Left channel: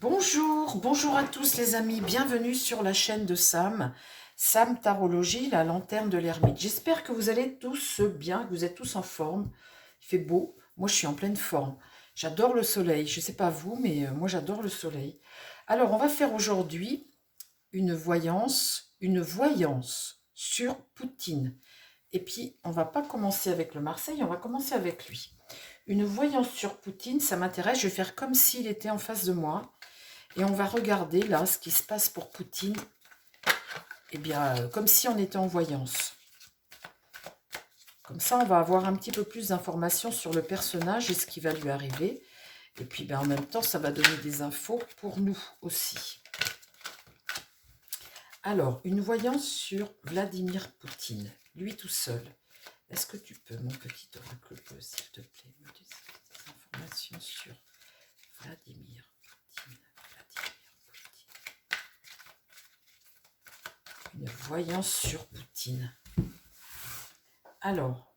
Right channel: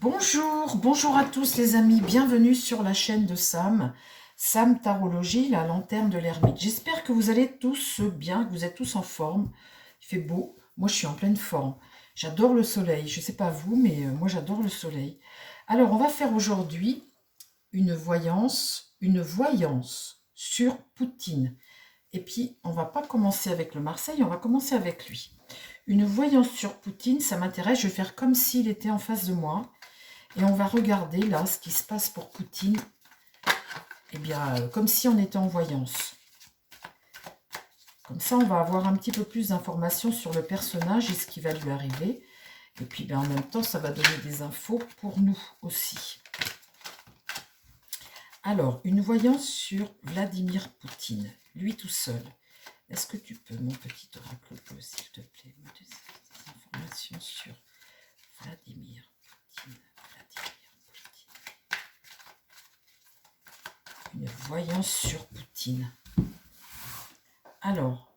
Bonjour, bonjour à tous les amis, bienvenue sur la chaîne de Sam, Sam Tarologie, la lanterne de l'ermite. J'espère que vous allez tous bien, que vous êtes tous en forme. Il fait beau, moi je suis en pleine forme. J'adore le soleil, je ne sais pas vous, mais moi j'adore le soleil. Alors on va faire aujourd'hui une voyance sur Poutine. Et puis on va pas commencer avec le Marseille, on va commencer avec lui. Une voyance sur Poutine, ça m'intéresse, je vais faire comme s'il était en face de moi. Et on va regarder là ce qui se passe pour Poutine, eh bien, comme si on était en voyance. Comme ça, on va avoir un petit peu plus d'informations sur le personnage et ce qui va lui arriver. Et puis, ben, en même temps, ça va donner des infos pour nous aussi. Alors, une voyance sur Vladimir Poutine, lui tout seul. Est-ce que tu peux, mon petit oracle bleu, s'il te plaît, me donner des informations sur Vladimir Poutine, Une voyance sur Poutine. Alors,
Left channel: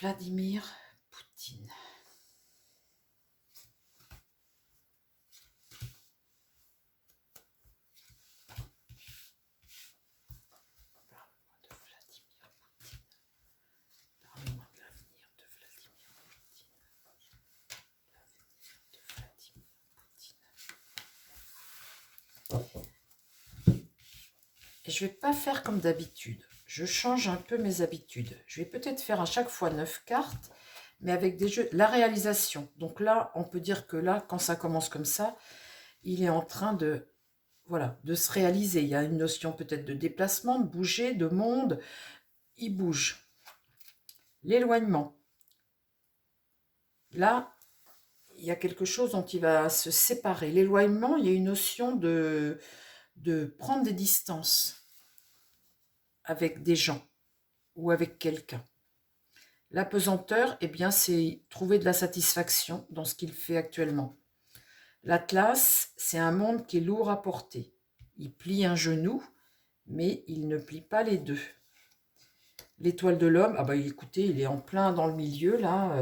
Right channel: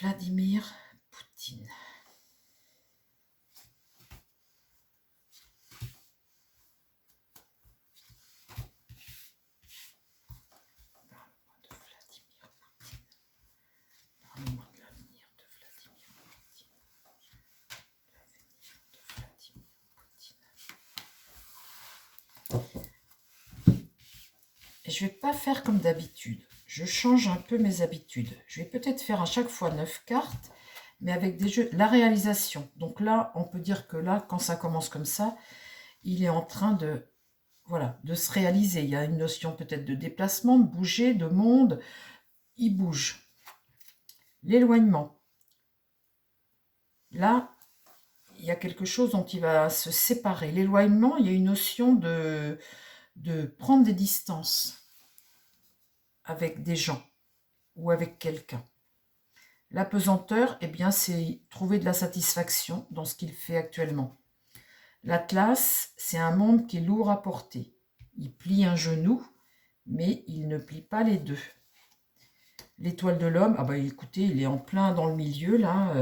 Vladimir Poutine. Parle-moi de l'avenir de Vladimir Poutine. L'avenir de Vladimir Poutine. Et je ne vais pas faire comme d'habitude. Je change un peu mes habitudes. Je vais peut-être faire à chaque fois 9 cartes, mais avec des jeux. La réalisation. Donc là, on peut dire que là, quand ça commence comme ça, il est en train de, voilà, de se réaliser. Il y a une notion peut-être de déplacement, de bouger, de monde. Il bouge. L'éloignement. Là, il y a quelque chose dont il va se séparer. L'éloignement, il y a une notion de prendre des distances avec des gens ou avec quelqu'un. L'apesanteur, eh bien, c'est trouver de la satisfaction dans ce qu'il fait actuellement. L'Atlas, c'est un monde qui est lourd à porter. Il plie un genou, mais il ne plie pas les deux. L'étoile de l'homme, ah bah écoutez, il est en plein dans le milieu, là.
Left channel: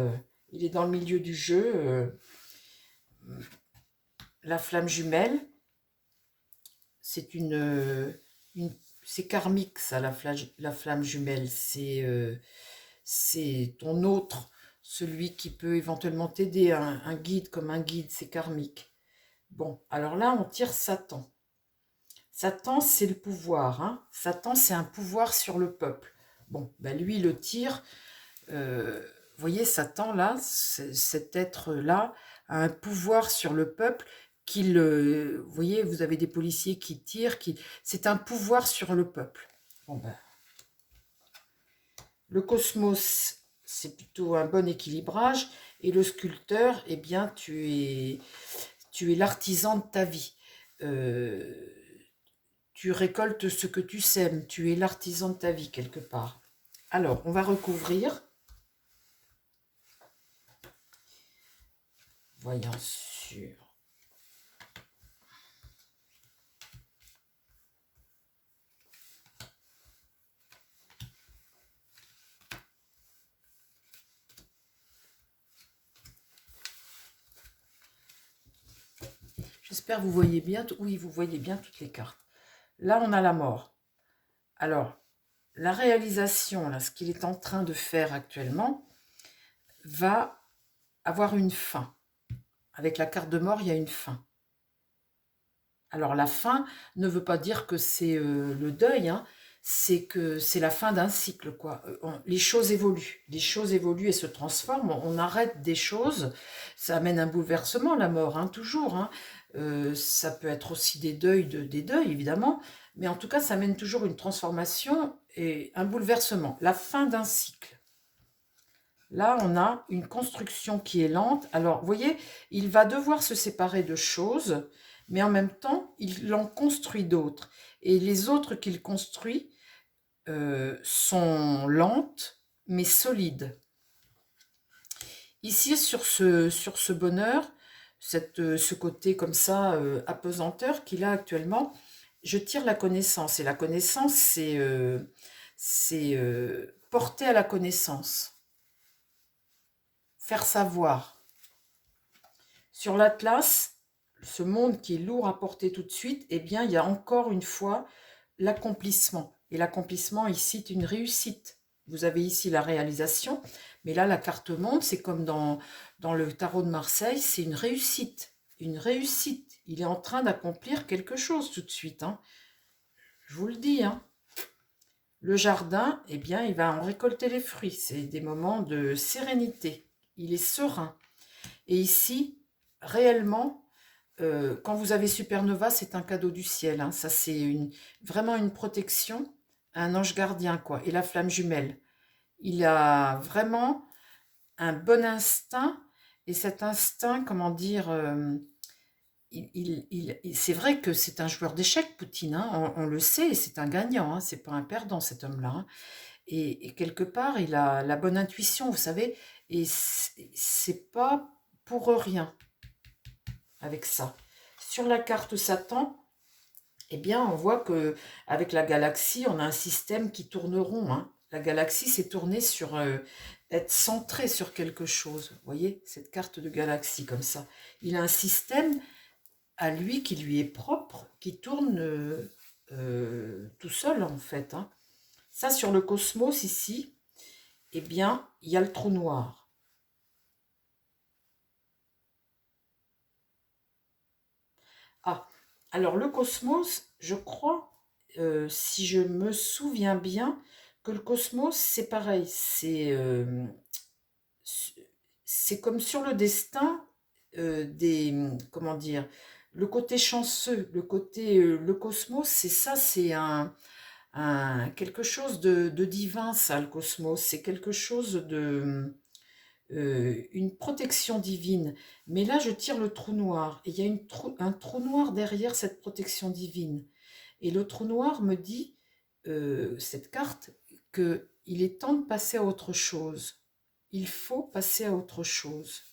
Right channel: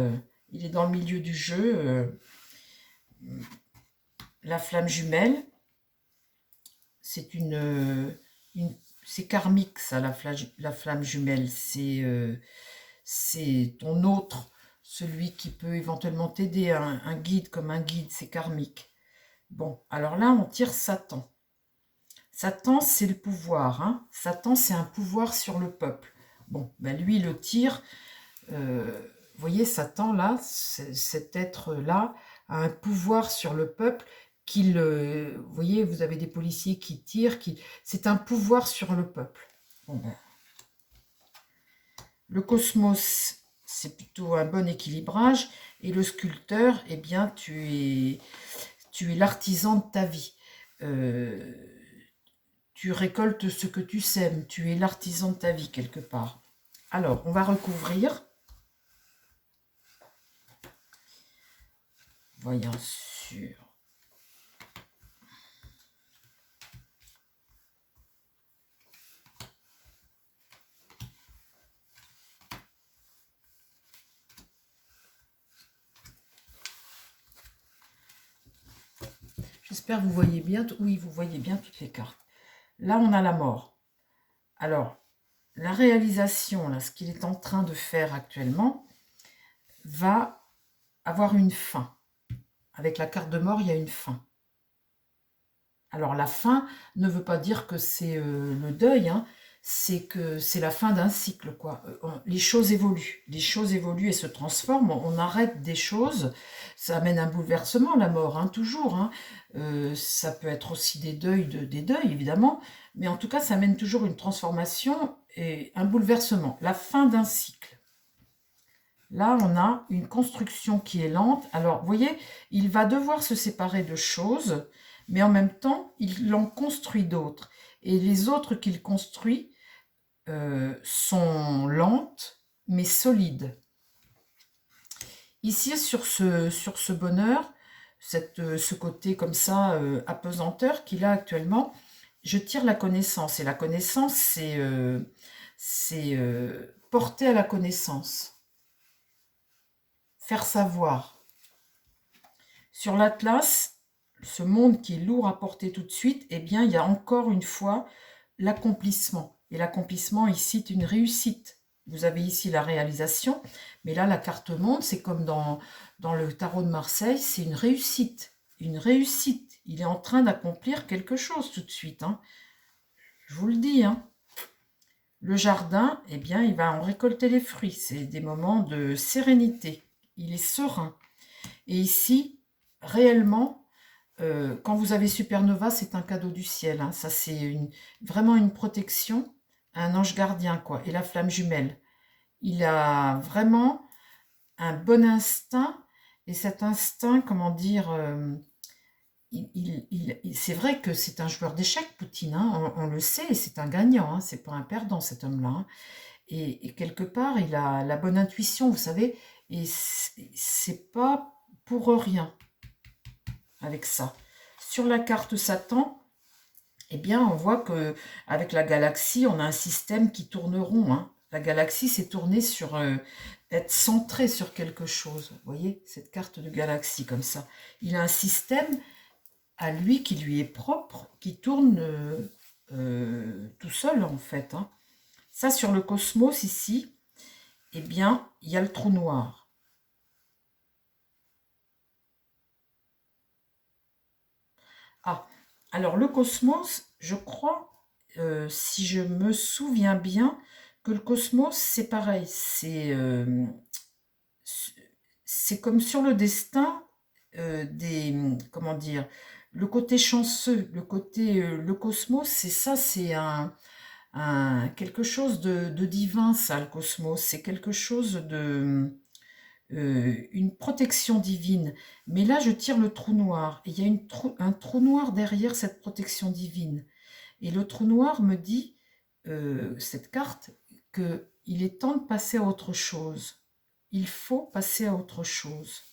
Il est dans le milieu du jeu. La flamme jumelle, c'est c'est karmique, ça, la flamme jumelle. C'est ton autre, celui qui peut éventuellement t'aider, un guide comme un guide, c'est karmique. Bon, alors là, on tire Satan. Satan, c'est le pouvoir. Hein. Satan, c'est un pouvoir sur le peuple. Bon, ben lui, il le tire. Vous voyez, Satan, là, cet être-là, a un pouvoir sur le peuple vous voyez, vous avez des policiers qui tirent, c'est un pouvoir sur le peuple. Bon, ben, le cosmos, c'est plutôt un bon équilibrage, et le sculpteur, eh bien, tu es l'artisan de ta vie. Euh, Tu récoltes ce que tu sèmes, tu es l'artisan de ta vie quelque part. Alors, on va recouvrir. Voyons sur. J'espère que vous voyez bien. Oui, vous voyez bien toutes les cartes. Là, on a la mort. Alors, la réalisation, là, ce qu'il est en train de faire actuellement, va avoir une fin. Avec la carte de mort, il y a une fin. Alors, la fin ne veut pas dire que c'est le deuil, hein, c'est que c'est la fin d'un cycle, quoi. Les choses évoluent et se transforment. On arrête des choses, ça amène un bouleversement, la mort, hein, toujours. Hein. Ça peut être aussi des deuils, évidemment, mais en tout cas, ça amène toujours une transformation et un bouleversement, la fin d'un cycle. Là, on a une construction qui est lente. Alors, vous voyez, il va devoir se séparer de choses, mais en même temps, il en construit d'autres. Et les autres qu'il construit sont lentes, mais solides. Ici, sur ce bonheur, ce côté comme ça, apesanteur qu'il a actuellement, je tire la connaissance. Et la connaissance, c'est porter à la connaissance. Faire savoir. Sur l'Atlas, ce monde qui est lourd à porter tout de suite, eh bien, il y a encore une fois l'accomplissement. Et l'accomplissement ici est une réussite. Vous avez ici la réalisation, mais là, la carte monde, c'est comme dans le tarot de Marseille, c'est une réussite. Une réussite. Il est en train d'accomplir quelque chose tout de suite, hein. Je vous le dis, hein. Le jardin, eh bien, il va en récolter les fruits. C'est des moments de sérénité. Il est serein. Et ici, réellement, quand vous avez Supernova, c'est un cadeau du ciel, hein. Ça, c'est vraiment une protection, un ange gardien, quoi. Et la flamme jumelle. Il a vraiment un bon instinct. Et cet instinct, comment dire, c'est vrai que c'est un joueur d'échecs, Poutine, hein, on le sait, et c'est un gagnant, hein, c'est pas un perdant, cet homme-là, hein. Et quelque part, il a la bonne intuition, vous savez, et c'est pas pour rien avec ça. Sur la carte Satan, eh bien, on voit que avec la galaxie, on a un système qui tourne rond, hein. La galaxie, c'est tourné sur être centré sur quelque chose. Vous voyez, cette carte de galaxie comme ça. Il a un système à lui qui lui est propre, qui tourne tout seul en fait, hein. Ça, sur le cosmos ici, eh bien, il y a le trou noir. Ah, alors le cosmos, je crois, si je me souviens bien, que le cosmos, c'est pareil. C'est comme sur le destin comment dire, le côté chanceux, le cosmos, c'est ça, c'est quelque chose de divin, ça, le cosmos. C'est quelque chose une protection divine. Mais là, je tire le trou noir. Et il y a un trou noir derrière cette protection divine. Et le trou noir me dit, cette carte, qu'il est temps de passer à autre chose. Il faut passer à autre chose.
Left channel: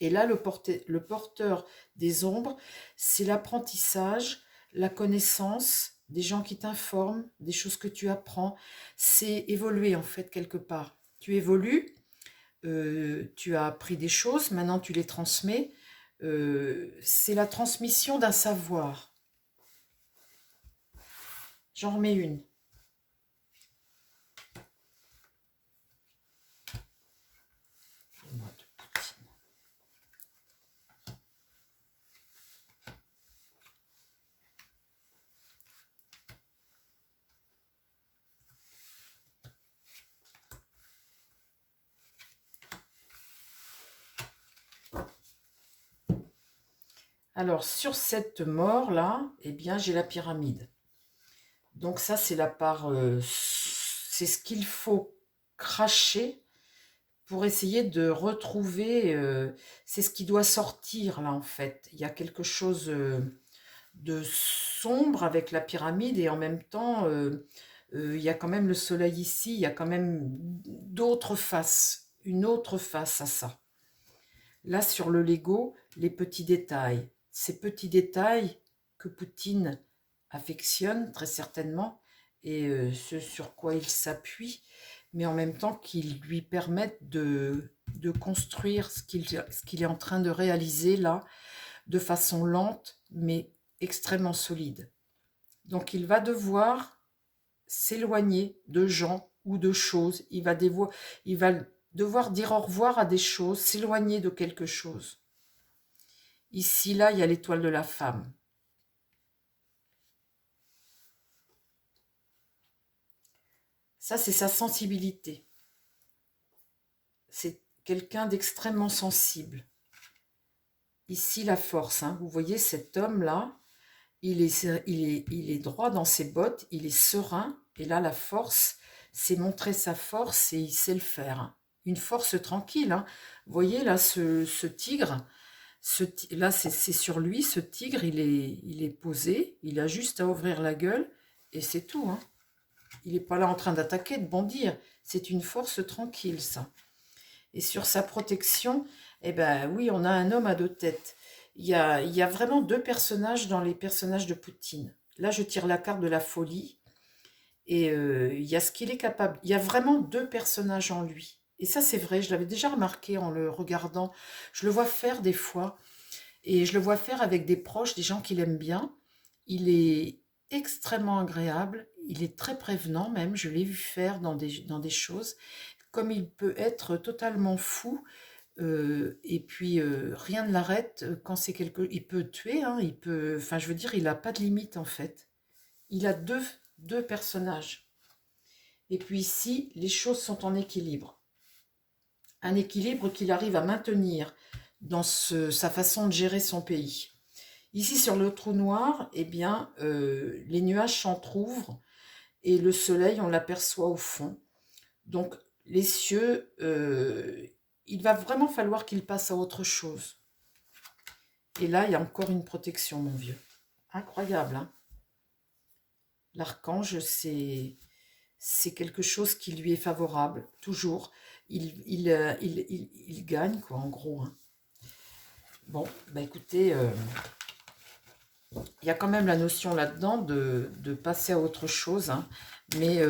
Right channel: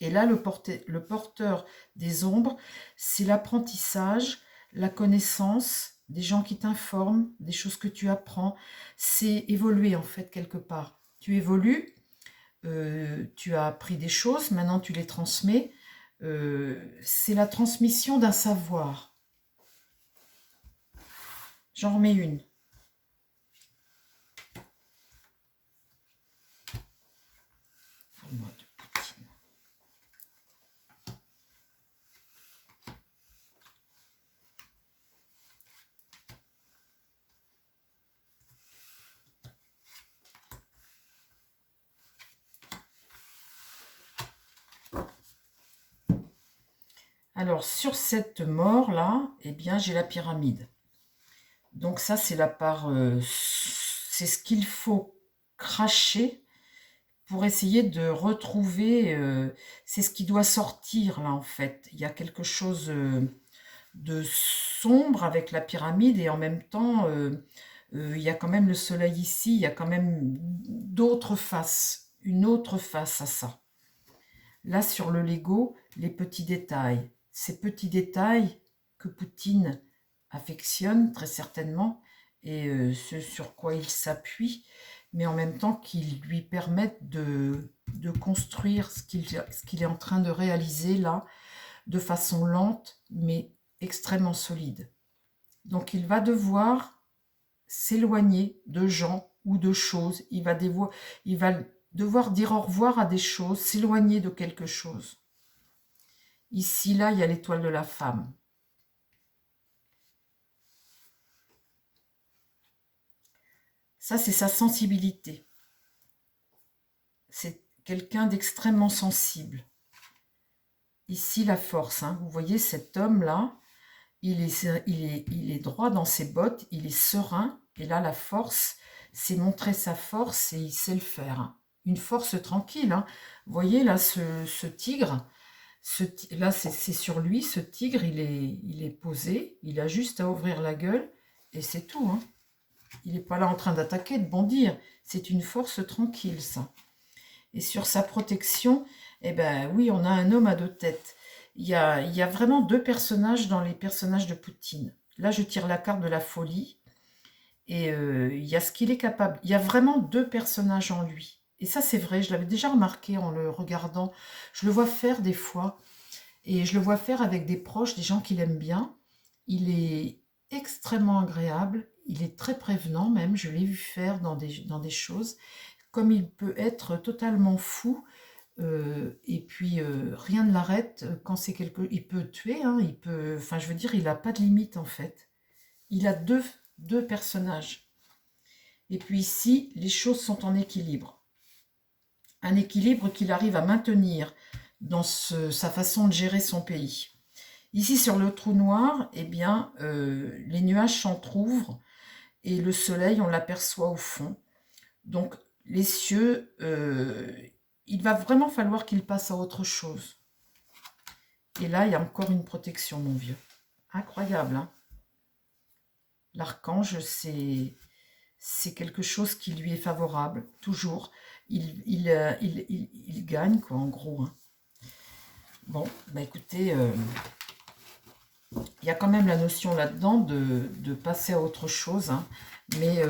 Et là, le porteur des ombres, c'est l'apprentissage, la connaissance, des gens qui t'informent, des choses que tu apprends. C'est évoluer en fait quelque part. Tu évolues, tu as appris des choses, maintenant tu les transmets. C'est la transmission d'un savoir. J'en remets une. Alors, sur cette mort-là, eh bien, j'ai la pyramide. Donc ça, c'est la part... c'est ce qu'il faut cracher pour essayer de retrouver... c'est ce qui doit sortir, là, en fait. Il y a quelque chose de sombre avec la pyramide et en même temps, il y a quand même le soleil ici. Il y a quand même d'autres faces, une autre face à ça. Là, sur le Lego, les petits détails. Ces petits détails que Poutine affectionne très certainement et ce sur quoi il s'appuie, mais en même temps qu'ils lui permettent de construire ce qu'il est en train de réaliser là, de façon lente, mais extrêmement solide. Donc il va devoir s'éloigner de gens ou de choses. Il va devoir dire au revoir à des choses, s'éloigner de quelque chose. Ici, là, il y a l'étoile de la femme. Ça, c'est sa sensibilité. C'est quelqu'un d'extrêmement sensible. Ici, la force, hein. Vous voyez cet homme-là, il est droit dans ses bottes, il est serein. Et là, la force, c'est montrer sa force et il sait le faire, hein. Une force tranquille, hein. Vous voyez, là, ce tigre, là, c'est sur lui, ce tigre, il est posé, il a juste à ouvrir la gueule et c'est tout, hein. Il n'est pas là en train d'attaquer, de bondir. C'est une force tranquille, ça. Et sur sa protection, eh ben oui, on a un homme à deux têtes. Il y a vraiment deux personnages dans les personnages de Poutine. Là, je tire la carte de la folie. Et il y a ce qu'il est capable. Il y a vraiment deux personnages en lui. Et ça, c'est vrai, je l'avais déjà remarqué en le regardant. Je le vois faire des fois. Et je le vois faire avec des proches, des gens qu'il aime bien. Il est extrêmement agréable, il est très prévenant même, je l'ai vu faire dans des choses. Comme il peut être totalement fou, et puis rien ne l'arrête quand c'est quelque... Il peut tuer, hein, il peut... Enfin, je veux dire, il n'a pas de limite en fait. Il a deux personnages. Et puis ici, les choses sont en équilibre. Un équilibre qu'il arrive à maintenir dans sa façon de gérer son pays. Ici, sur le trou noir, eh bien, les nuages s'entr'ouvrent et le soleil, on l'aperçoit au fond. Donc, les cieux, il va vraiment falloir qu'il passe à autre chose. Et là, il y a encore une protection, mon vieux. Incroyable, hein? L'archange, c'est quelque chose qui lui est favorable, toujours. Il gagne, quoi, en gros, hein. Bon, bah écoutez, il y a quand même la notion là-dedans de passer à autre chose, hein. Mais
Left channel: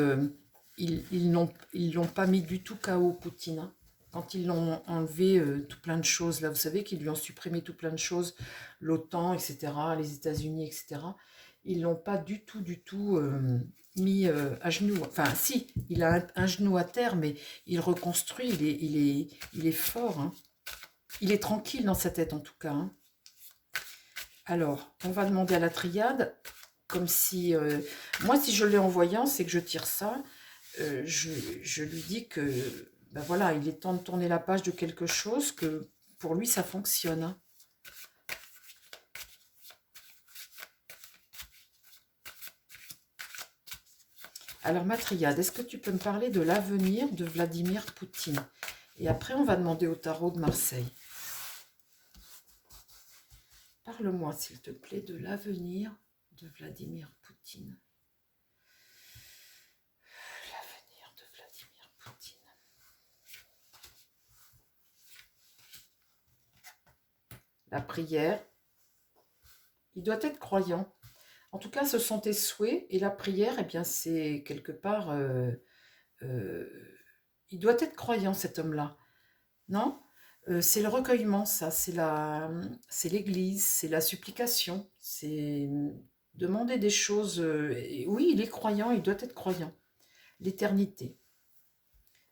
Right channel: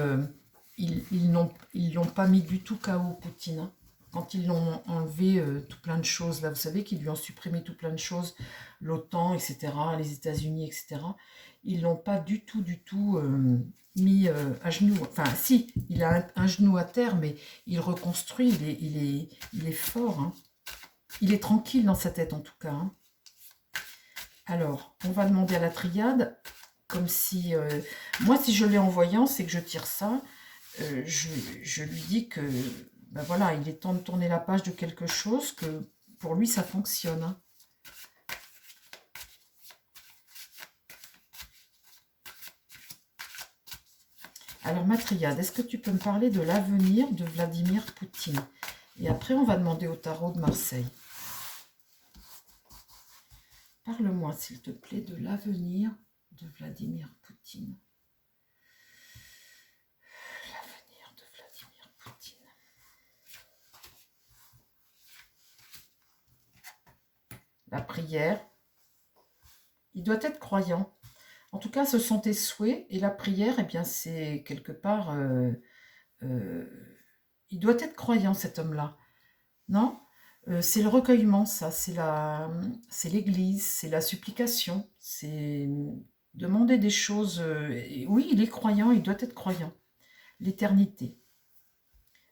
ils l'ont pas mis du tout KO, Poutine, hein. Quand ils l'ont enlevé tout plein de choses, là, vous savez qu'ils lui ont supprimé tout plein de choses, l'OTAN, etc., les États-Unis, etc., ils l'ont pas du tout mis à genoux. Enfin, si, il a un genou à terre, mais il reconstruit, il est fort, hein. Il est tranquille dans sa tête, en tout cas, hein. Alors, on va demander à la triade, comme si... moi, si je l'ai en voyant, c'est que je tire ça. Je lui dis que, ben voilà, il est temps de tourner la page de quelque chose, que pour lui, ça fonctionne, hein. Alors, ma triade, est-ce que tu peux me parler de l'avenir de Vladimir Poutine? Et après, on va demander au tarot de Marseille. Parle-moi, s'il te plaît, de l'avenir de Vladimir Poutine. L'avenir de Vladimir Poutine. La prière. Il doit être croyant. En tout cas, ce sont tes souhaits. Et la prière, eh bien, c'est quelque part... il doit être croyant, cet homme-là. Non? C'est le recueillement, ça. C'est l'église, c'est la supplication. C'est demander des choses. Oui, il est croyant, il doit être croyant. L'éternité.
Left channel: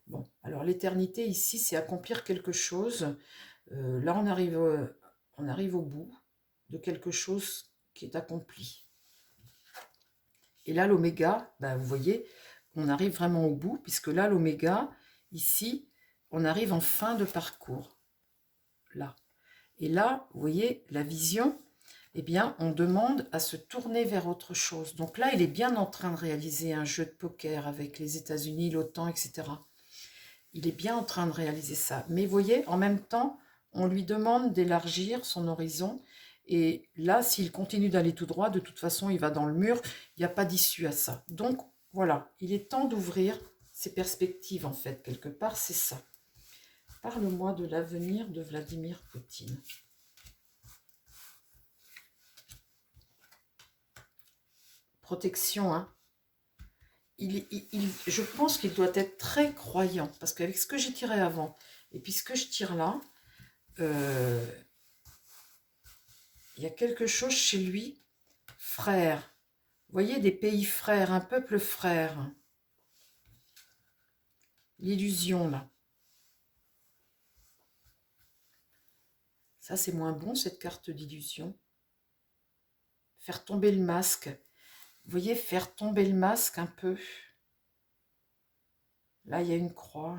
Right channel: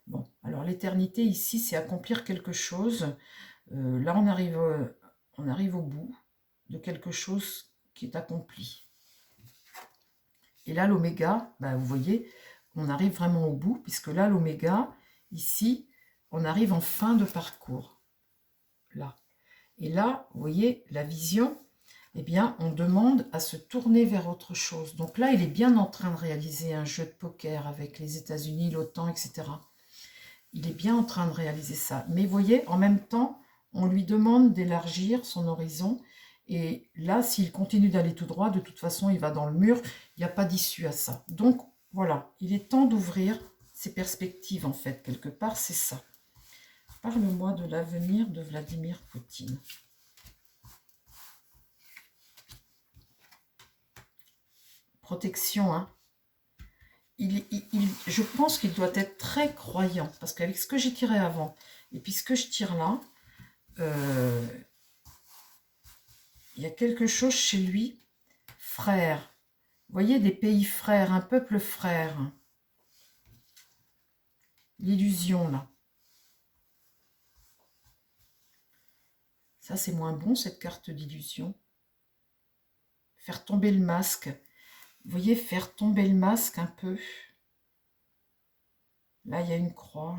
Bon, alors l'éternité, ici, c'est accomplir quelque chose. Là, on arrive au bout de quelque chose qui est accompli. Et là, l'oméga, ben, vous voyez, on arrive vraiment au bout, puisque là, l'oméga, ici, on arrive en fin de parcours. Là. Et là, vous voyez, la vision, eh bien, on demande à se tourner vers autre chose. Donc là, il est bien en train de réaliser un jeu de poker avec les États-Unis, l'OTAN, etc. Il est bien en train de réaliser ça. Mais vous voyez, en même temps, on lui demande d'élargir son horizon. Et là, s'il continue d'aller tout droit, de toute façon, il va dans le mur. Il n'y a pas d'issue à ça. Donc, voilà, il est temps d'ouvrir ses perspectives, en fait. Quelque part, c'est ça. Parle-moi de l'avenir de Vladimir Poutine. Protection, hein. Je pense qu'il doit être très croyant. Parce qu'avec ce que j'ai tiré avant, et puis ce que je tire là, il y a quelque chose chez lui, frère. Vous voyez, des pays frères, un peuple frère. L'illusion, là. Ça, c'est moins bon, cette carte d'illusion. Faire tomber le masque. Vous voyez, faire tomber le masque un peu. Là, il y a une croix.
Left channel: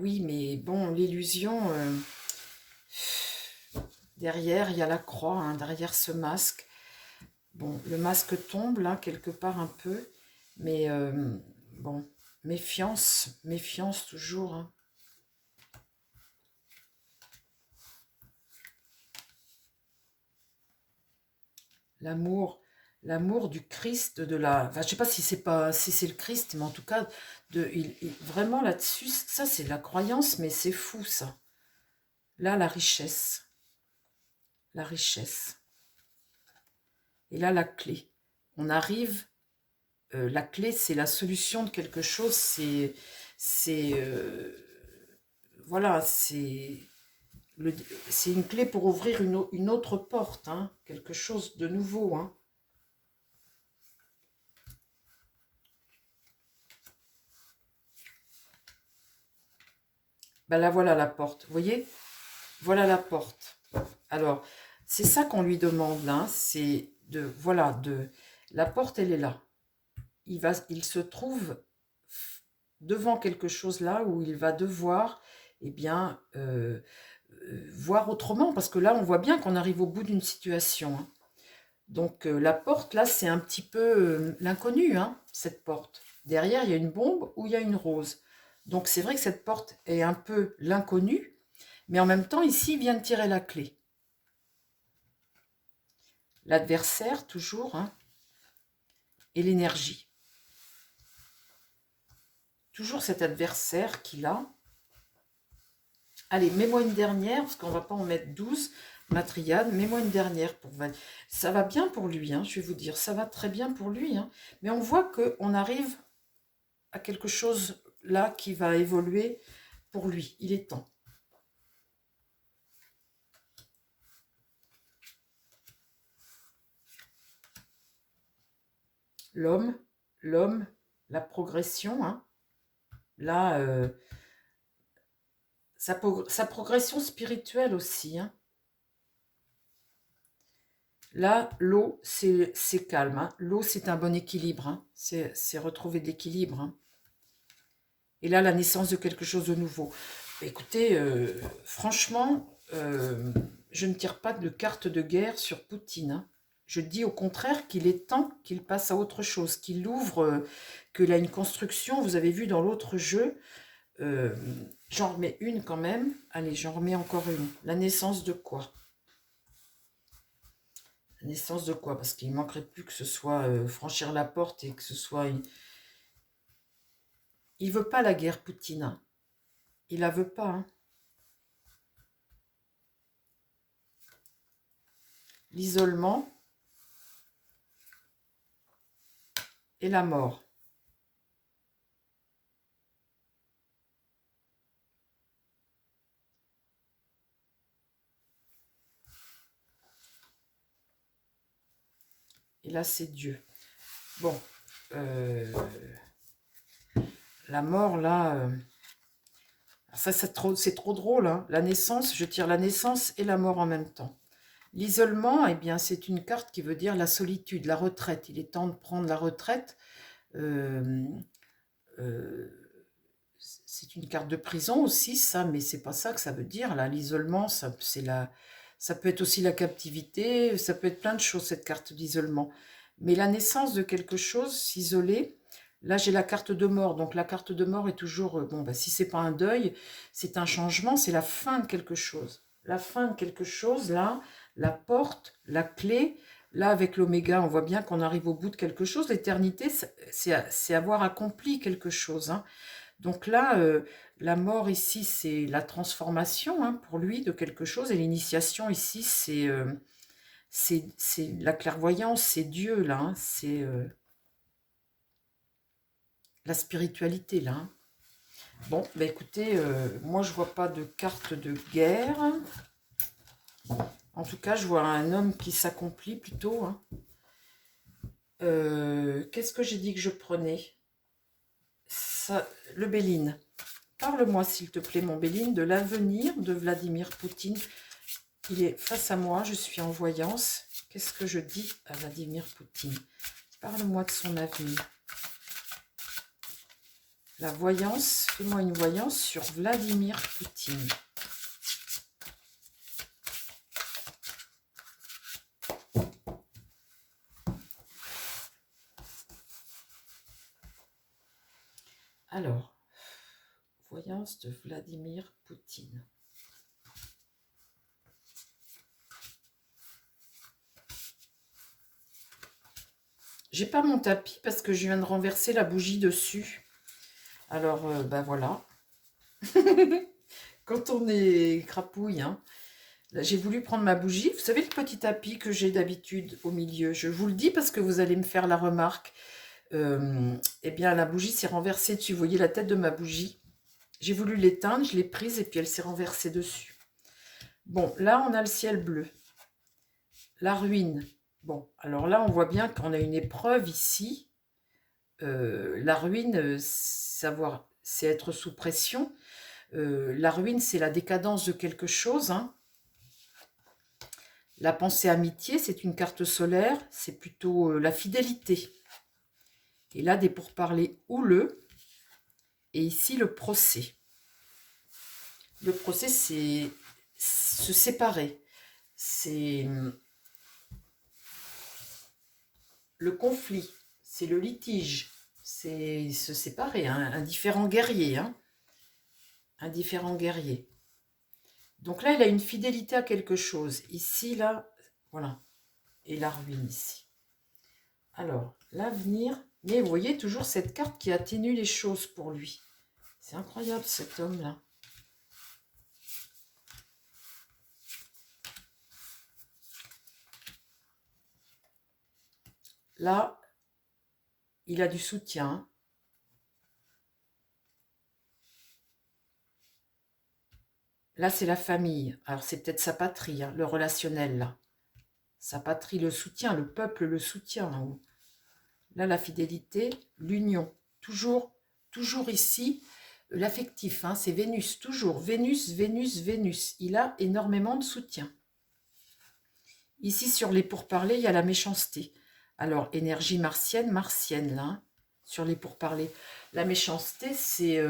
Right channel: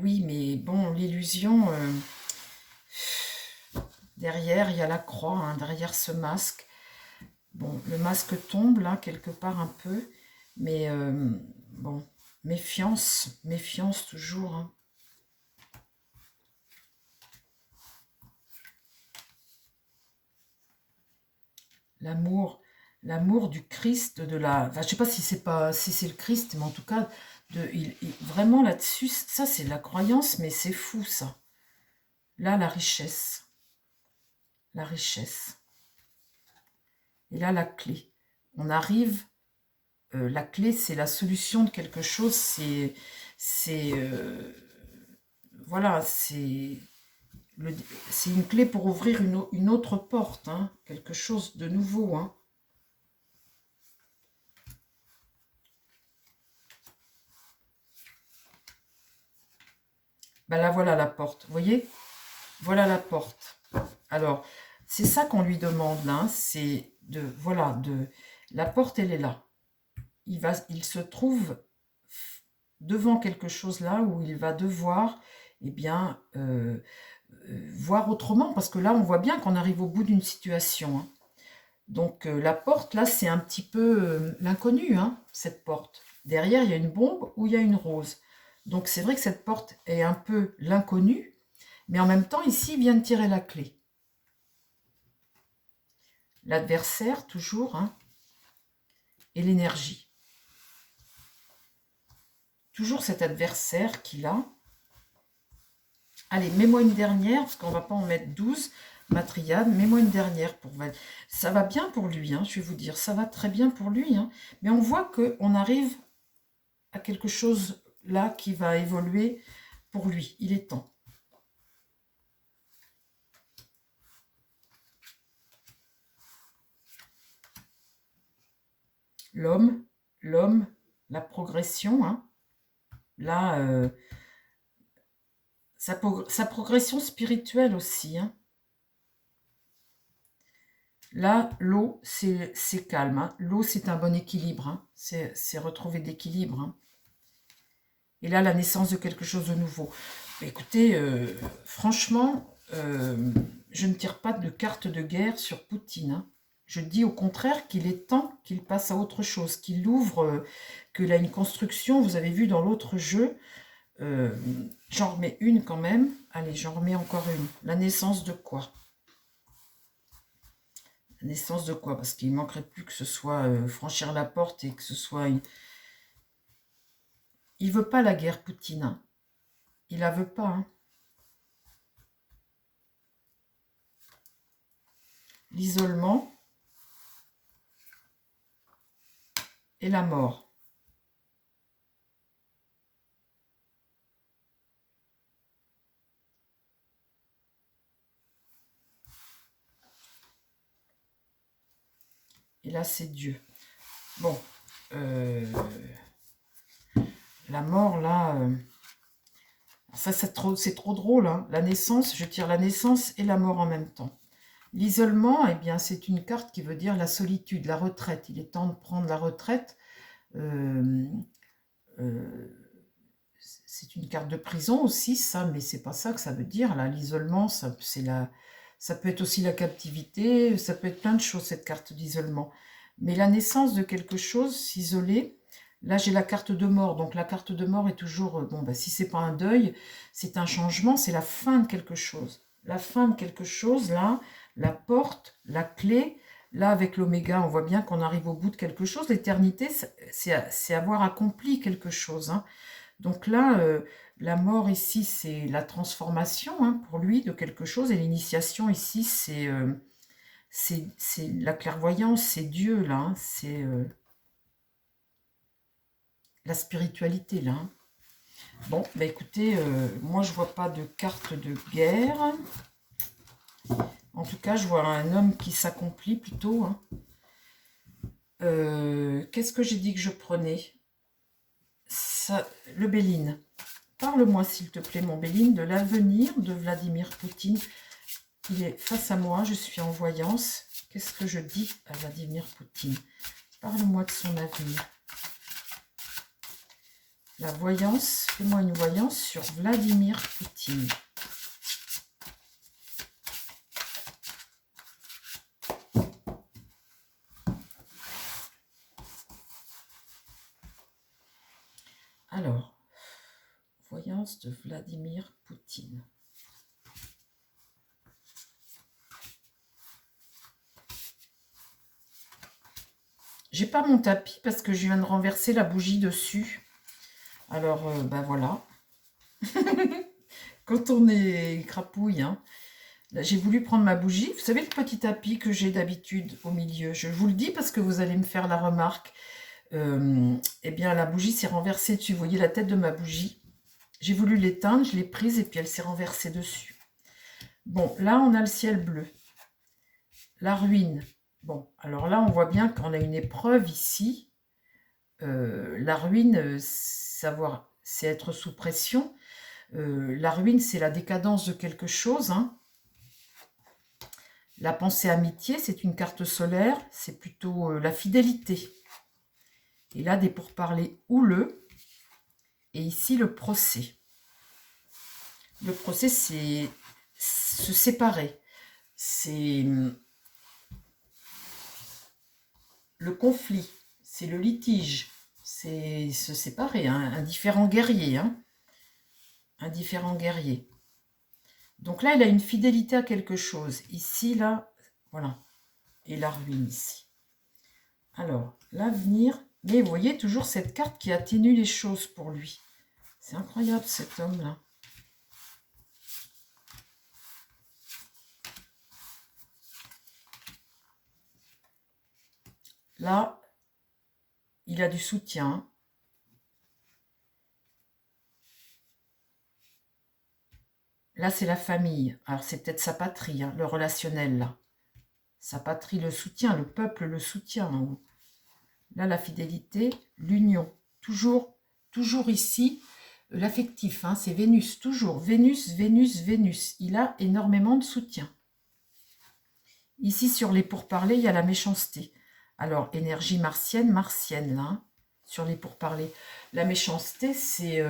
Oui, mais bon, l'illusion... derrière, il y a la croix, hein, derrière ce masque. Bon, le masque tombe, là, quelque part un peu. Mais, bon, méfiance toujours, hein. L'amour du Christ, de la... Enfin, je sais pas si c'est le Christ, mais en tout cas, vraiment là-dessus, ça c'est la croyance, mais c'est fou ça. Là, la richesse. La richesse. Et là, la clé. On arrive, la clé, c'est la solution de quelque chose, c'est voilà, c'est une clé pour ouvrir une autre porte, hein, quelque chose de nouveau. Hein. Ben là, voilà la porte. Vous voyez? Voilà la porte. Alors, c'est ça qu'on lui demande là. Hein, c'est de, voilà, la porte, elle est là. Il se trouve devant quelque chose là où il va devoir, eh bien, voir autrement. Parce que là, on voit bien qu'on arrive au bout d'une situation. Hein. Donc, la porte, là, c'est un petit peu l'inconnu, hein, cette porte. Derrière, il y a une bombe ou il y a une rose. Donc, c'est vrai que cette porte est un peu l'inconnu, mais en même temps, ici, il vient de tirer la clé. L'adversaire, toujours, hein, et l'énergie. Toujours cet adversaire qu'il a. Allez, mets-moi une dernière, parce qu'on ne va pas en mettre 12, ma triade. Mets-moi une dernière pour Val. Ça va bien pour lui, hein, je vais vous dire. Ça va très bien pour lui. Hein, mais on voit qu'on arrive à quelque chose là qui va évoluer pour lui. Il est temps. L'homme, la progression, hein. Là, sa progression spirituelle aussi. Hein. Là, l'eau, c'est calme. Hein. L'eau, c'est un bon équilibre. Hein. C'est retrouver de l'équilibre. Hein. Et là, la naissance de quelque chose de nouveau. Écoutez, franchement, je ne tire pas de carte de guerre sur Poutine. Hein. Je dis au contraire qu'il est temps qu'il passe à autre chose, qu'il ouvre, qu'il a une construction. Vous avez vu dans l'autre jeu, j'en remets une quand même. Allez, j'en remets encore une. La naissance de quoi? La naissance de quoi? Parce qu'il ne manquerait plus que ce soit franchir la porte et que ce soit une... Il veut pas la guerre, Poutine. Hein. Il la veut pas. Hein. L'isolement et la mort. Et là, c'est Dieu. Bon, la mort, là, ça, c'est trop drôle. Hein. La naissance, je tire la naissance et la mort en même temps. L'isolement, eh bien, c'est une carte qui veut dire la solitude, la retraite. Il est temps de prendre la retraite. C'est une carte de prison aussi, ça, mais c'est pas ça que ça veut dire. Là, l'isolement, ça peut être aussi la captivité, ça peut être plein de choses, cette carte d'isolement. Mais la naissance de quelque chose, s'isoler, là j'ai la carte de mort, donc la carte de mort est toujours, bon, bah, si c'est pas un deuil, c'est un changement, c'est la fin de quelque chose. La fin de quelque chose, là, la porte, la clé, là avec l'oméga, on voit bien qu'on arrive au bout de quelque chose. L'éternité, c'est avoir accompli quelque chose, hein. Donc là, la mort ici, c'est la transformation hein, pour lui de quelque chose. Et l'initiation ici, c'est la clairvoyance, c'est Dieu là. Hein, c'est la spiritualité là. Hein. Bon, bah écoutez, moi je vois pas de carte de guerre. En tout cas, je vois un homme qui s'accomplit plutôt. Hein. Qu'est-ce que j'ai dit que je prenais ça, le Béline. Parle-moi, s'il te plaît, mon Béline, de l'avenir de Vladimir Poutine. Il est face à moi, je suis en voyance. Qu'est-ce que je dis à Vladimir Poutine? Parle-moi de son avenir. La voyance, fais-moi une voyance sur Vladimir Poutine. Alors, voyance de Vladimir Poutine. J'ai pas mon tapis parce que je viens de renverser la bougie dessus. Alors, ben voilà. Quand on est crapouille, hein. Là, j'ai voulu prendre ma bougie. Vous savez le petit tapis que j'ai d'habitude au milieu. Je vous le dis parce que vous allez me faire la remarque. Eh bien, la bougie s'est renversée dessus. Vous voyez la tête de ma bougie. J'ai voulu l'éteindre, je l'ai prise et puis elle s'est renversée dessus. Bon, là, on a le ciel bleu. La ruine. Bon, alors là, on voit bien qu'on a une épreuve ici. La ruine, savoir, c'est être sous pression. La ruine, c'est la décadence de quelque chose. Hein. La pensée amitié, c'est une carte solaire. C'est plutôt la fidélité. Et là, des pourparlers houleux. Et ici, le procès. Le procès, c'est se séparer. C'est le conflit. C'est le litige. C'est se séparer. Hein, un différent guerrier. Hein, un différent guerrier. Donc là, il a une fidélité à quelque chose. Ici, là, voilà. Et la ruine ici. Alors, l'avenir. Mais vous voyez toujours cette carte qui atténue les choses pour lui. C'est incroyable cet homme-là. Là, il a du soutien. Là, c'est la famille. Alors, c'est peut-être sa patrie, hein, le relationnel, là. Sa patrie le soutient, le peuple le soutient en haut. Là, la fidélité, l'union. Toujours ici, l'affectif, hein, c'est Vénus, toujours. Vénus, Vénus, Vénus. Il a énormément de soutien. Ici, sur les pourparlers, il y a la méchanceté. Alors, énergie martienne, là, hein, sur les pourparlers. La méchanceté, c'est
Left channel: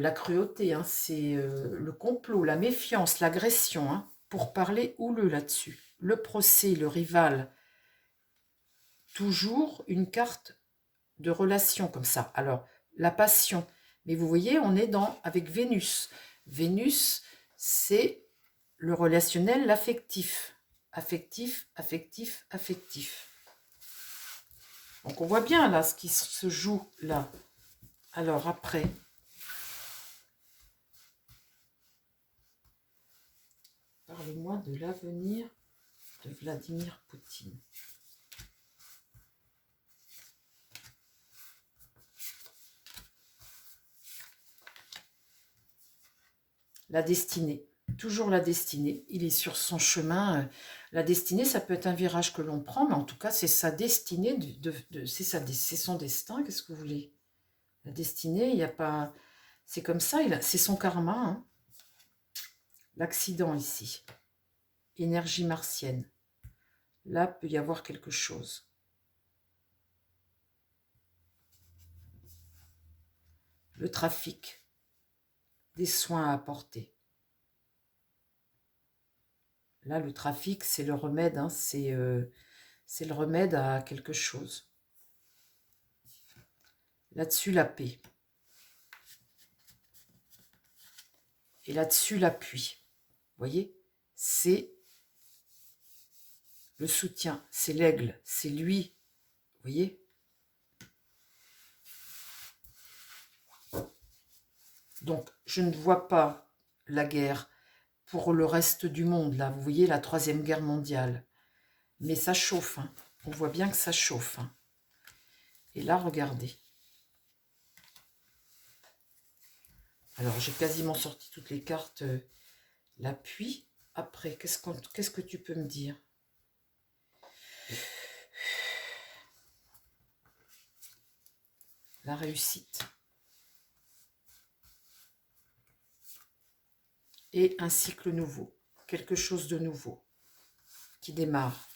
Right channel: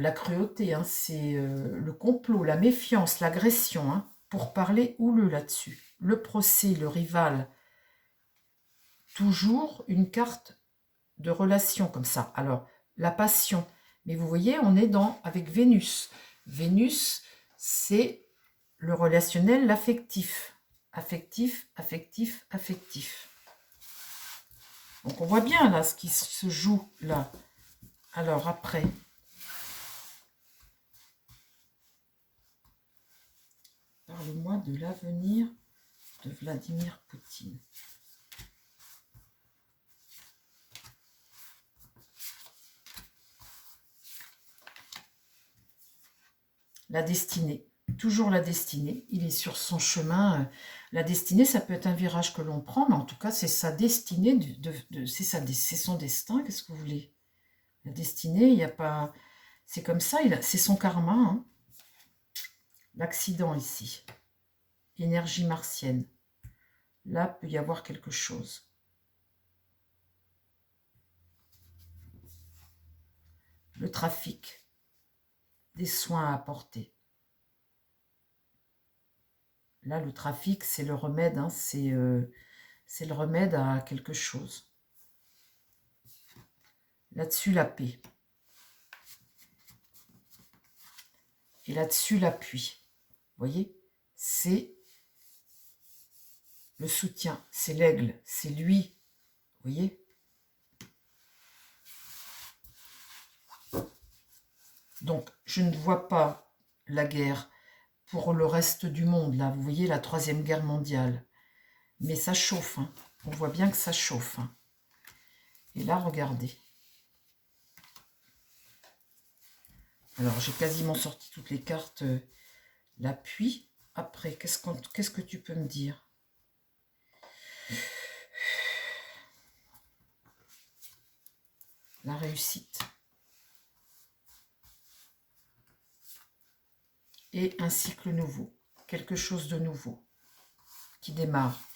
la cruauté, hein, c'est le complot, la méfiance, l'agression, hein, pourparler houleux là-dessus. Le procès, le rival. Toujours une carte de relation comme ça. Alors, la passion. Mais vous voyez, on est avec Vénus. Vénus, c'est le relationnel, l'affectif. Affectif, affectif, affectif. Donc, on voit bien là ce qui se joue là. Alors, après. Parle-moi de l'avenir de Vladimir Poutine. La destinée. Toujours la destinée. Il est sur son chemin. La destinée, ça peut être un virage que l'on prend, mais en tout cas, c'est sa destinée. C'est son destin. Qu'est-ce que vous voulez? La destinée, il n'y a pas... C'est comme ça, c'est son karma. Hein. L'accident ici. Énergie martienne. Là, peut y avoir quelque chose. Le trafic. Des soins à apporter. Là, le trafic, c'est le remède. Hein, c'est le remède à quelque chose. Là-dessus, la paix. Et là-dessus, l'appui. Vous voyez? C'est le soutien. C'est l'aigle. C'est lui. Vous voyez? Donc, je ne vois pas la guerre pour le reste du monde. Là, vous voyez, la Troisième Guerre mondiale. Mais ça chauffe. Hein. On voit bien que ça chauffe. Hein. Et là, regardez. Alors, j'ai quasiment sorti toutes les cartes. L'appui. Après, qu'est-ce que tu peux me dire? La réussite. Et un cycle nouveau. Quelque chose de nouveau qui démarre.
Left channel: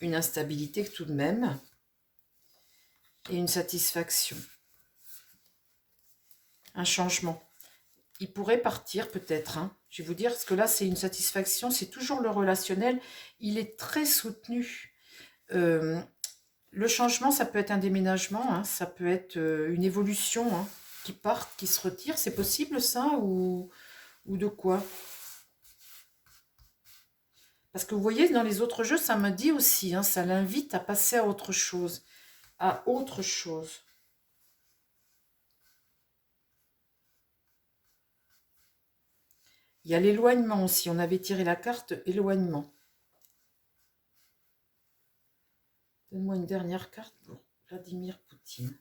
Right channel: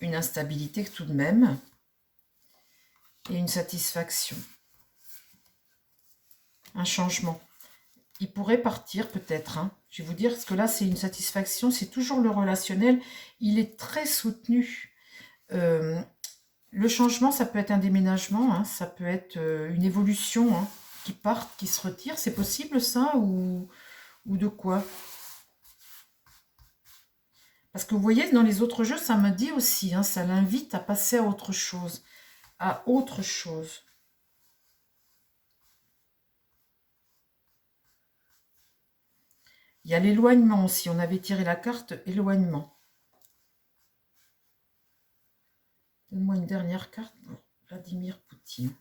Une instabilité tout de même. Et une satisfaction. Un changement. Il pourrait partir peut-être. Hein. Je vais vous dire, parce que là, c'est une satisfaction. C'est toujours le relationnel. Il est très soutenu. Le changement, ça peut être un déménagement. Hein. Ça peut être une évolution. Hein, qui part, qui se retire. C'est possible ça ou de quoi? Parce que vous voyez, dans les autres jeux, ça me dit aussi. Hein, ça l'invite à passer à autre chose. À autre chose. Il y a l'éloignement aussi. On avait tiré la carte éloignement. Donne-moi une dernière carte pour Vladimir Poutine.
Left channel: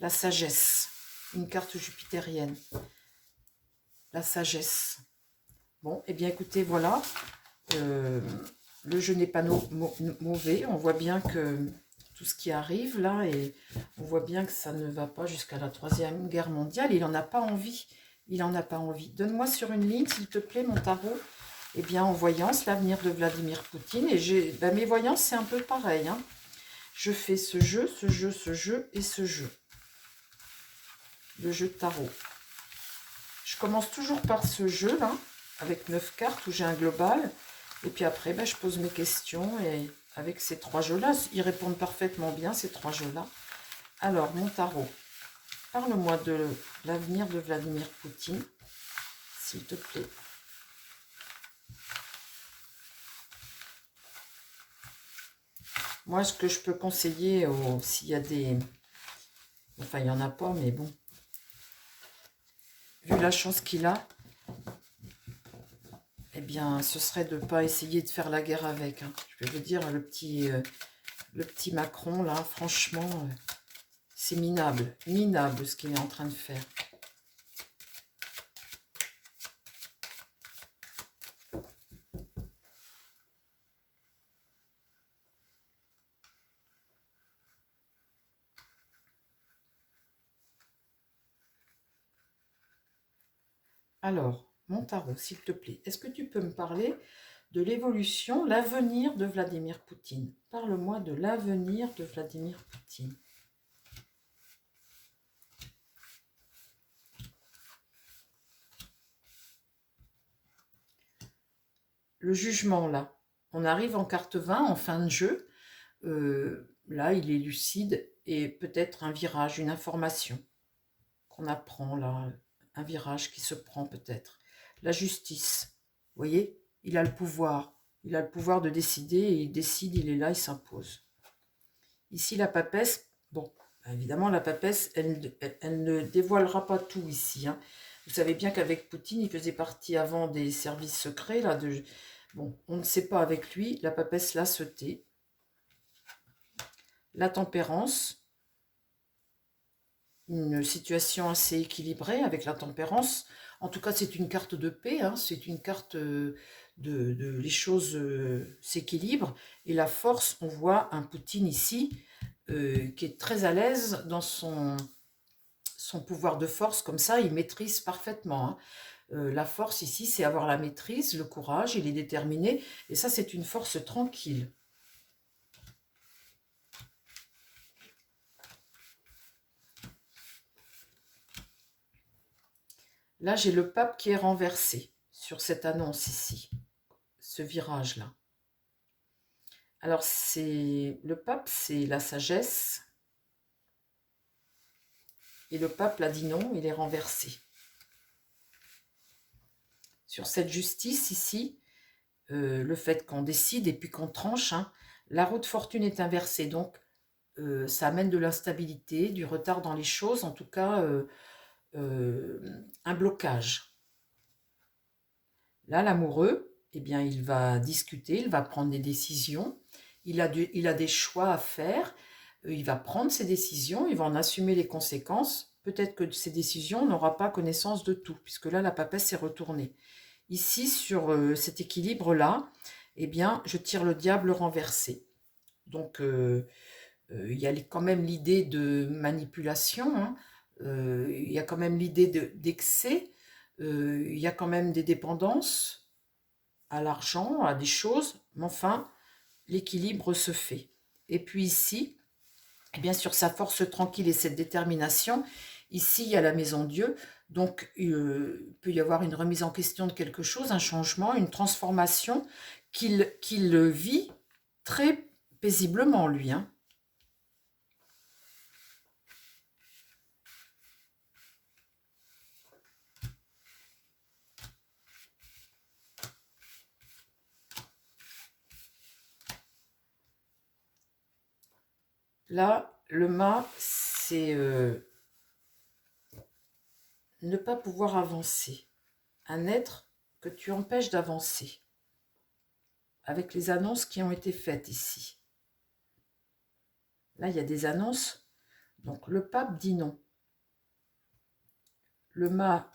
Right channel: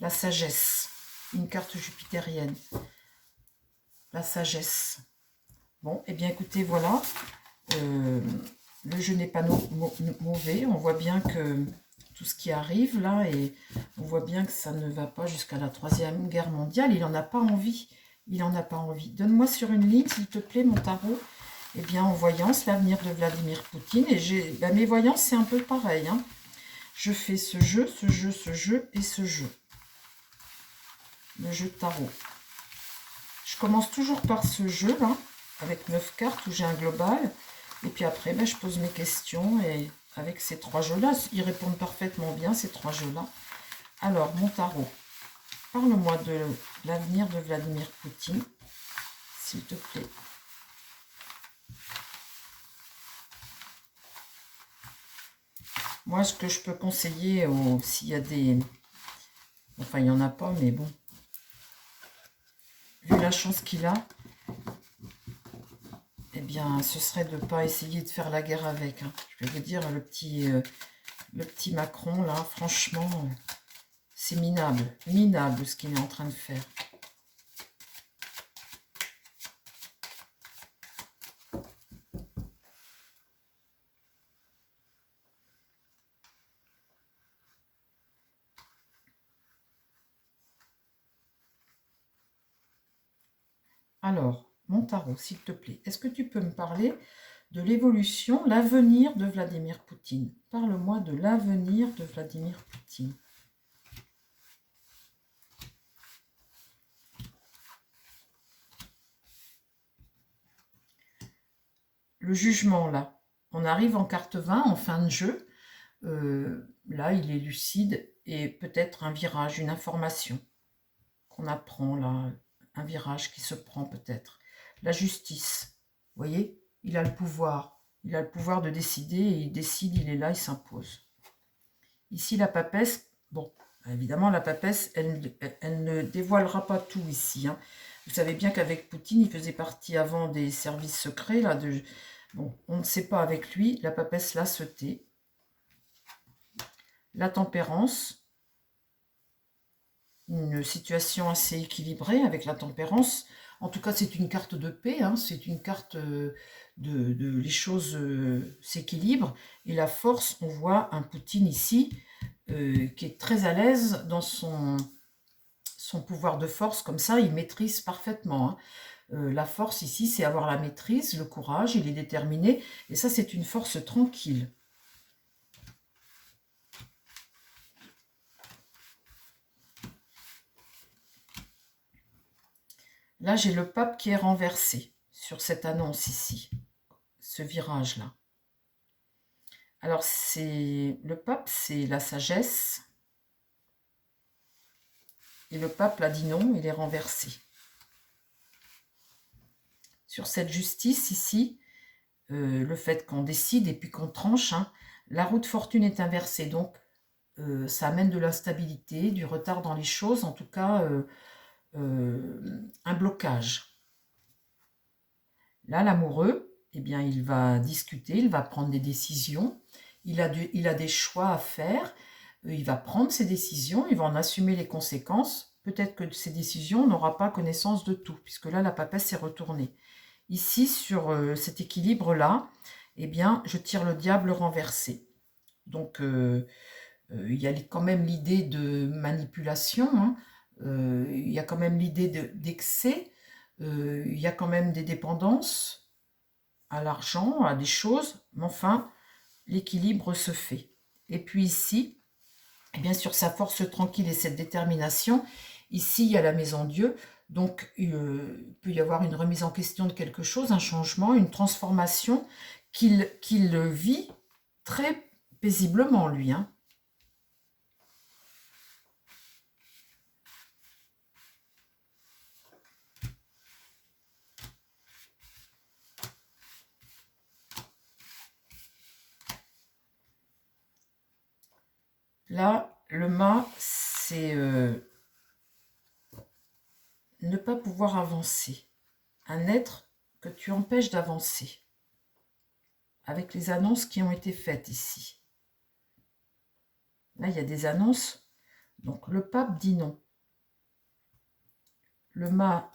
la sagesse, une carte jupitérienne, la sagesse. Bon, eh bien écoutez, voilà, le jeu n'est pas mauvais, on voit bien que tout ce qui arrive là, et on voit bien que ça ne va pas jusqu'à la Troisième Guerre mondiale, il n'en a pas envie, il n'en a pas envie. Donne-moi sur une ligne, s'il te plaît, mon tarot. Eh bien, en voyance, l'avenir de Vladimir Poutine, et mes voyances, c'est un peu pareil, hein. Je fais ce jeu, ce jeu, ce jeu et ce jeu. Le jeu de tarot. Je commence toujours par ce jeu-là, avec 9 cartes où j'ai un global. Et puis après, ben, je pose mes questions et avec ces 3 jeux-là, ils répondent parfaitement bien, ces 3 jeux-là. Alors, mon tarot, parle-moi de l'avenir de Vladimir Poutine, s'il te plaît. Moi, ce que je peux conseiller, s'il y a des... Enfin, il n'y en a pas, mais bon. Vu la chance qu'il a, eh bien, ce serait de ne pas essayer de faire la guerre avec. Hein. Je vais vous dire, le petit Macron, là, franchement, c'est minable. Minable ce qu'il est en train de faire. Alors, mon tarot, s'il te plaît, est-ce que tu peux me parler de l'évolution, l'avenir de Vladimir Poutine? Parle-moi de l'avenir de Vladimir Poutine. Le jugement, là. On arrive en carte 20, en fin de jeu. Là, il est lucide et peut-être un virage, une information qu'on apprend, là. Un virage qui se prend peut-être. La justice, vous voyez, il a le pouvoir. Il a le pouvoir de décider et il décide, il est là, il s'impose. Ici, la papesse, bon, évidemment, la papesse, elle ne dévoilera pas tout ici. Hein. Vous savez bien qu'avec Poutine, il faisait partie avant des services secrets. Là, bon, on ne sait pas avec lui. La papesse, là, se tait. La tempérance, une situation assez équilibrée avec la tempérance. En tout cas, c'est une carte de paix, hein, c'est une carte les choses s'équilibrent. Et la force, on voit un Poutine ici qui est très à l'aise dans son pouvoir de force, comme ça, il maîtrise parfaitement. Hein. La force ici, c'est avoir la maîtrise, le courage, il est déterminé. Et ça, c'est une force tranquille. Là, j'ai le pape qui est renversé sur cette annonce ici, ce virage-là. Alors, le pape, c'est la sagesse. Et le pape l'a dit non, il est renversé. Sur cette justice ici, le fait qu'on décide et puis qu'on tranche, hein, la roue de fortune est inversée. Donc, ça amène de l'instabilité, du retard dans les choses, en tout cas, un blocage. Là, l'amoureux, eh bien, il va discuter, il va prendre des décisions, il a des choix à faire, il va prendre ses décisions, il va en assumer les conséquences. Peut-être que ces décisions, on n'aura pas connaissance de tout, puisque là, la papesse est retournée. Ici, sur cet équilibre-là, eh bien, je tire le diable renversé. Donc, il y a quand même l'idée de manipulation, hein, il y a quand même l'idée d'excès, il y a quand même des dépendances à l'argent, à des choses, mais enfin, l'équilibre se fait. Et puis ici, eh bien sur sa force tranquille et cette détermination, ici, il y a la maison Dieu, donc il peut y avoir une remise en question de quelque chose, un changement, une transformation qu'il vit très paisiblement, lui. Hein. Là, le mât, c'est ne pas pouvoir avancer. Un être que tu empêches d'avancer. Avec les annonces qui ont été faites ici. Là, il y a des annonces Donc, le pape dit non. Le mât.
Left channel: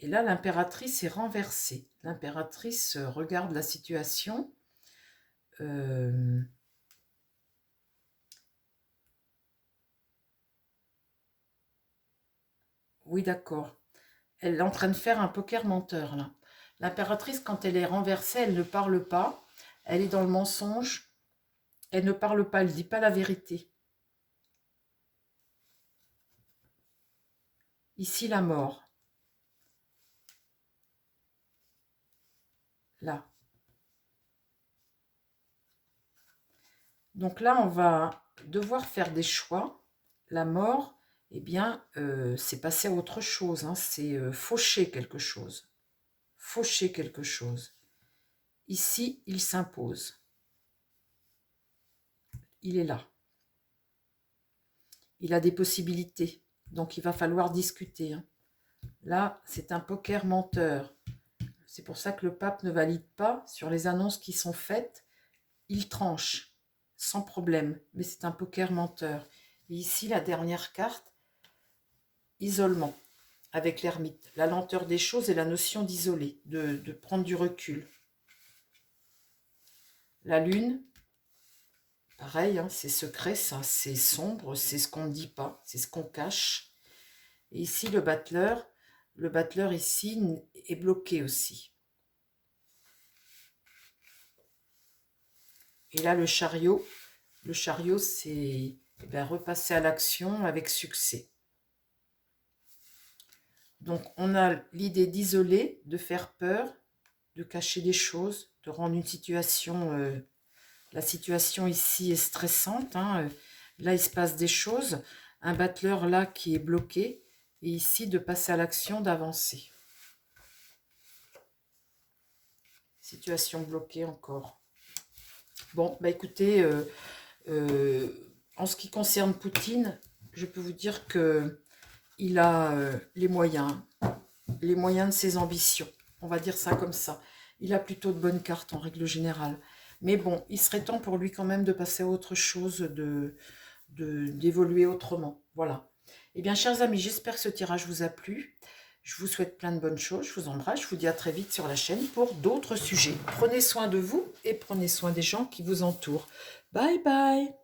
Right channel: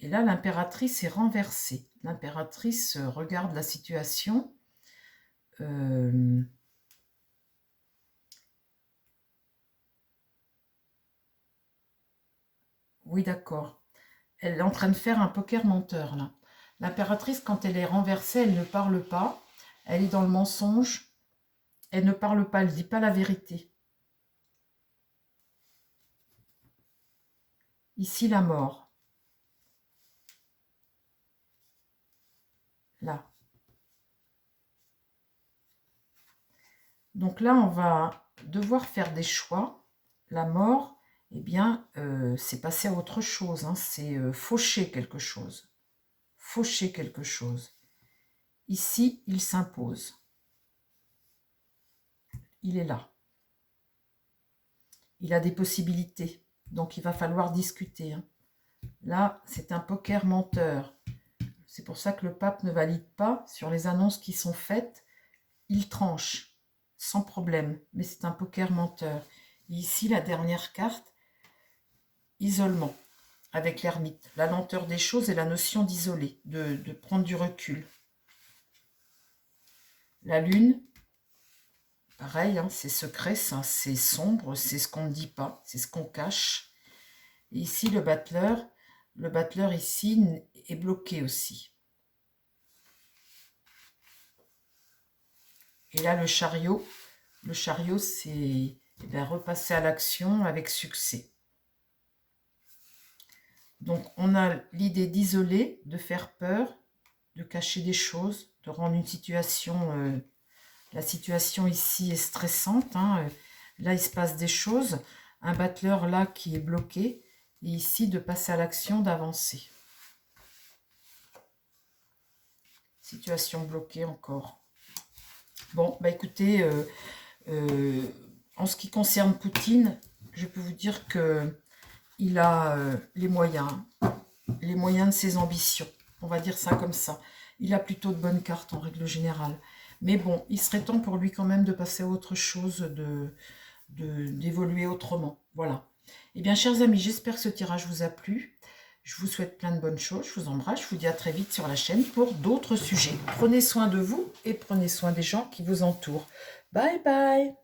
Et là, l'impératrice est renversée. L'impératrice regarde la situation. Oui, d'accord. Elle est en train de faire un poker menteur, là. L'impératrice, quand elle est renversée, elle ne parle pas. Elle est dans le mensonge. Elle ne parle pas, elle ne dit pas la vérité. Ici, la mort. Là. Donc là, on va devoir faire des choix. La mort, eh bien, c'est passer à autre chose. Hein. C'est faucher quelque chose. Faucher quelque chose. Ici, il s'impose. Il est là. Il a des possibilités. Donc, il va falloir discuter. Hein. Là, c'est un poker menteur. C'est pour ça que le pape ne valide pas sur les annonces qui sont faites. Il tranche, sans problème. Mais c'est un poker menteur. Et ici, la dernière carte, isolement, avec l'ermite. La lenteur des choses et la notion d'isoler, de prendre du recul. La lune, pareil, hein, c'est secret, ça, c'est sombre, c'est ce qu'on ne dit pas, c'est ce qu'on cache. Et ici, le battleur ici est bloqué aussi. Et là, le chariot, c'est repasser à l'action avec succès. Donc, on a l'idée d'isoler, de faire peur, de cacher des choses, de rendre une situation... la situation ici est stressante. Hein. Là, il se passe des choses. Un battleur là qui est bloqué. Et ici, de passer à l'action, d'avancer. Situation bloquée encore. Bon, bah écoutez, en ce qui concerne Poutine, je peux vous dire que il a les moyens de ses ambitions. On va dire ça comme ça. Il a plutôt de bonnes cartes en règle générale. Mais bon, il serait temps pour lui quand même de passer à autre chose, d'évoluer autrement. Voilà. Eh bien, chers amis, j'espère que ce tirage vous a plu. Je vous souhaite plein de bonnes choses. Je vous embrasse. Je vous dis à très vite sur la chaîne pour d'autres sujets. Prenez soin de vous et prenez soin des gens qui vous entourent. Bye bye.